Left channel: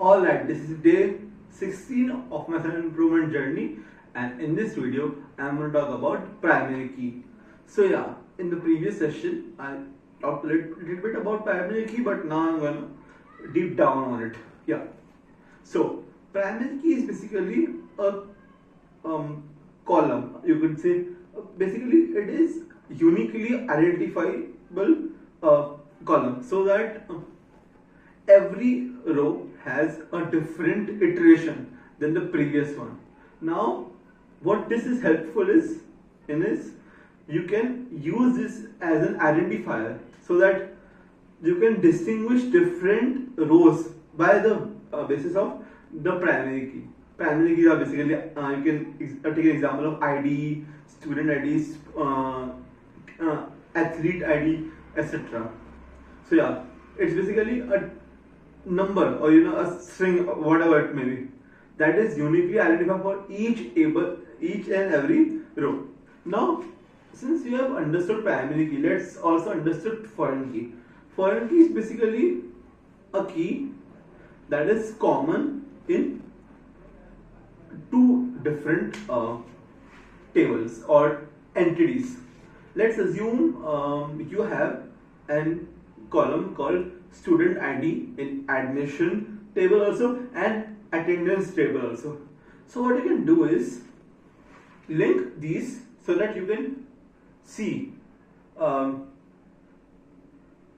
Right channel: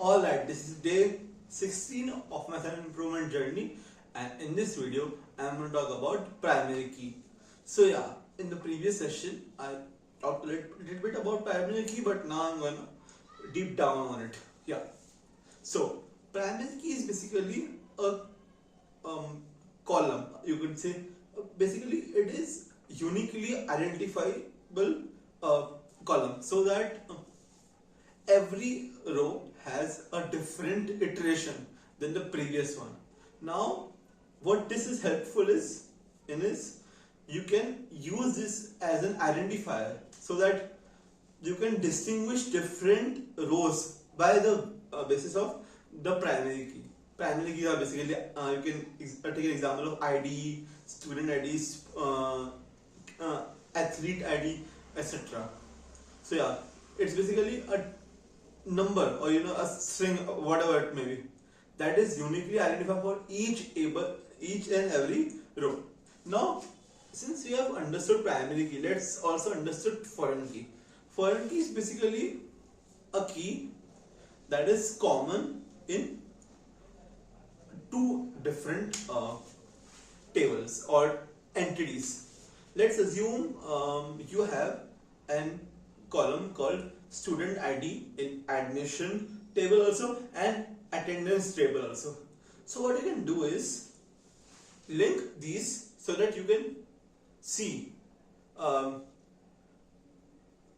Alright, this is day 16 of my self-improvement journey, and in this video I am going to talk about primary key. So yeah, in the previous session I talked a little bit about primary key, but now I'm going to deep down on it. Yeah. So primary key is basically a column, you could say. Basically it is uniquely identifiable column, so that every row has a different iteration than the previous one. Now what this is helpful is you can use this as an identifier, so that you can distinguish different rows by the basis of the primary key. Primary keys are basically, you can take an example of ID, student ID, athlete ID, etc. So yeah, it's basically a number, or a string, whatever it may be, that is uniquely identified for each and every row. Now since you have understood primary key, let's also understood foreign key. Foreign key is basically a key that is common in two different tables or entities. Let's assume you have an column called student ID in admission table also and attendance table also. So what you can do is link these so that you can see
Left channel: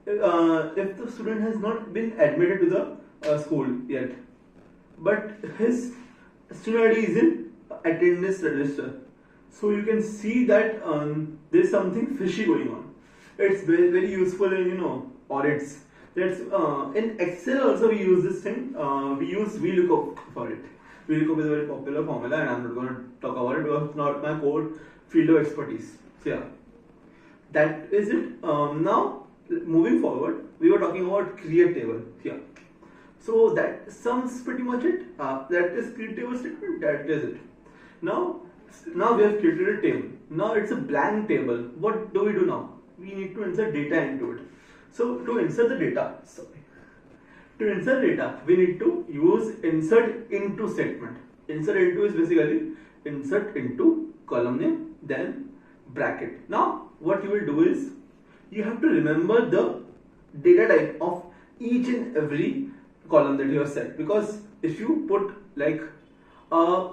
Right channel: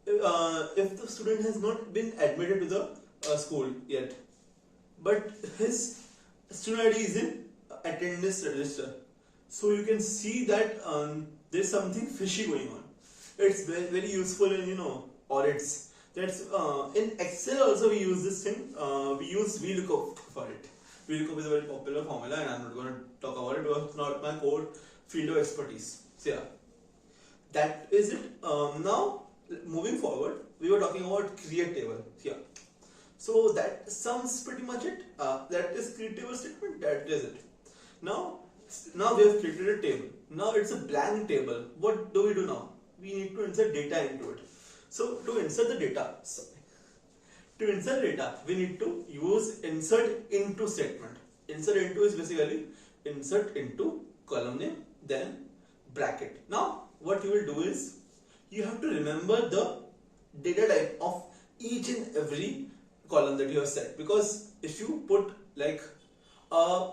if the student has not been admitted to the school yet, but his student ID is in attendance register. So you can see that there's something fishy going on. It's very useful in audits. That's in Excel also we use this thing. We use VLOOKUP for it. VLOOKUP is a very popular formula, and I'm not going to talk about it because it's not my core field of expertise. So yeah, that is it. Now moving forward, we were talking about create table here. So that sums pretty much it. That is create table statement. That is it. Now we have created a table. Now it's a blank table. What do we do now? We need to insert data into it. So to insert the data, we need to use insert into statement. Insert into is basically insert into column name, then bracket. Now what you will do is you have to remember the data type of each and every column that you have set, because if you put like a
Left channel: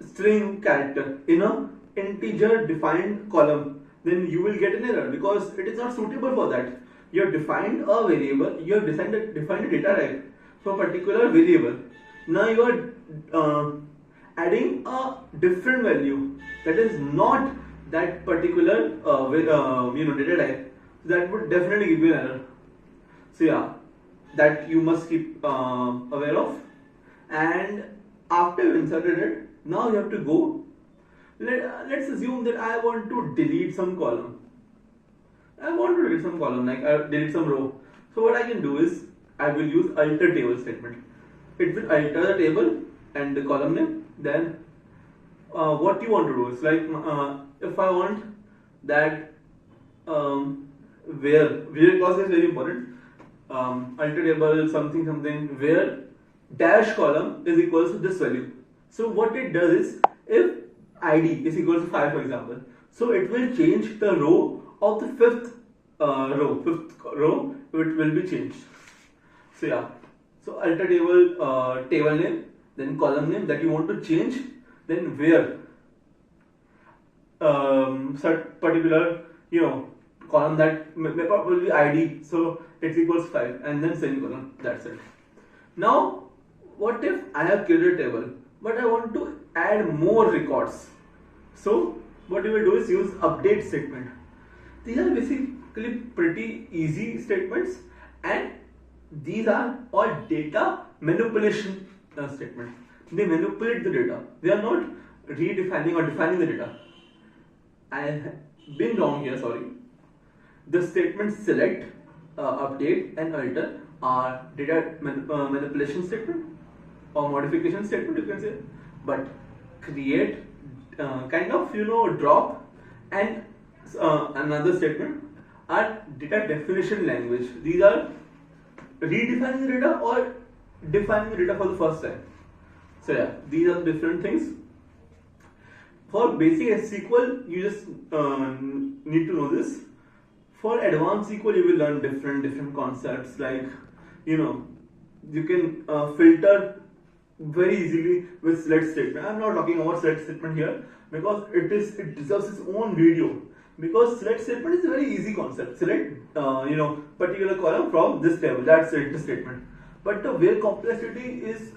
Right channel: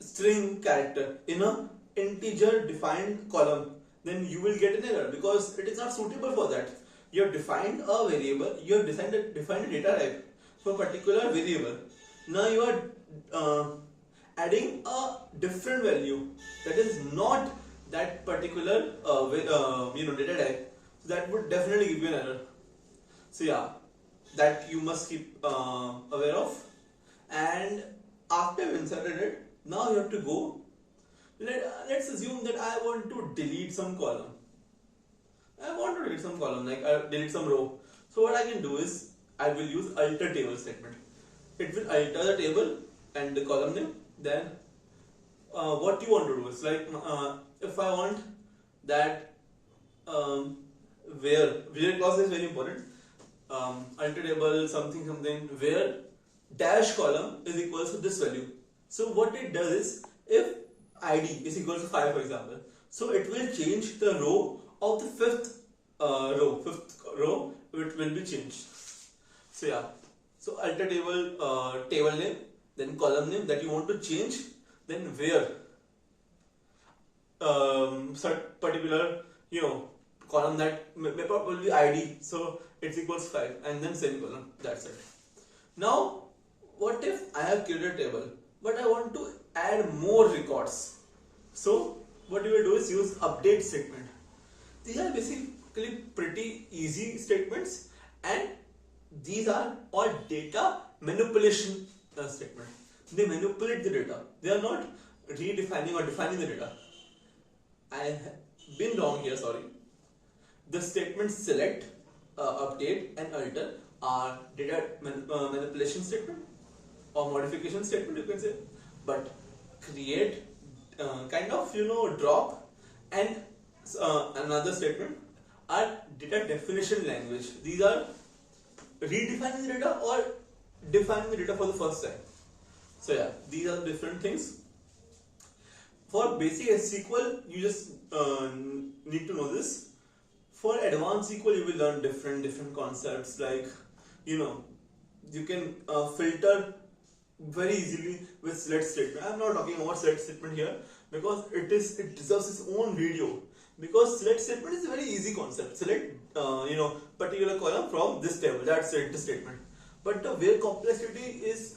string character in a integer defined column, then you will get an error because it is not suitable for that. You have defined a variable, you have defined a data type for a particular variable. Now you are adding a different value that is not that particular data type. So that would definitely give you an error. So yeah, that you must keep aware of. And after you inserted it, now you have to go. Let's assume that I want to delete some column. Like delete some row. So what I can do is I will use alter table statement. It will alter the table and the column name. Then what you want to do is like if I want that where clause is very important. Alter table something where dash column is equals to this value. So what it does is, if ID is equal to 5, for example, so it will change the row of the fifth row, it will be changed. So yeah, so alter table, table name, then column name that you want to change, then where particular column that may probably ID, so it's equals 5, and then semicolon. That's it. Now what if I have created a table but I want to add more records? So what you will do is use update statement. These are basically pretty easy statements, and these are all data manipulation statements. They manipulate the data. They are not redefining or defining the data. I have been wrong here, sorry. The statements select, update and alter are data manipulation statement or modification statement, you can say. But create, drop and another statement are data definition language. These are redefining the data or defining the data for the first time. So yeah, these are different things. For basic SQL, you just need to know this. For advanced SQL, you will learn different concepts, like you can filter very easily with select statement. I'm not talking about select statement here because it deserves its own video, because select statement is a very easy concept. Select particular column from this table, that's select statement. But the where complexity is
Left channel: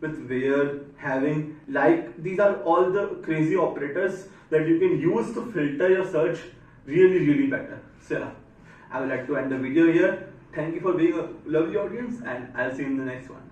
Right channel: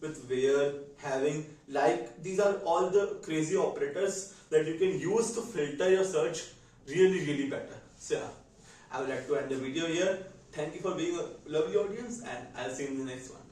with where, having, like, these are all the crazy operators that you can use to filter your search really better. So yeah, I would like to end the video here. Thank you for being a lovely audience, and I'll see you in the next one.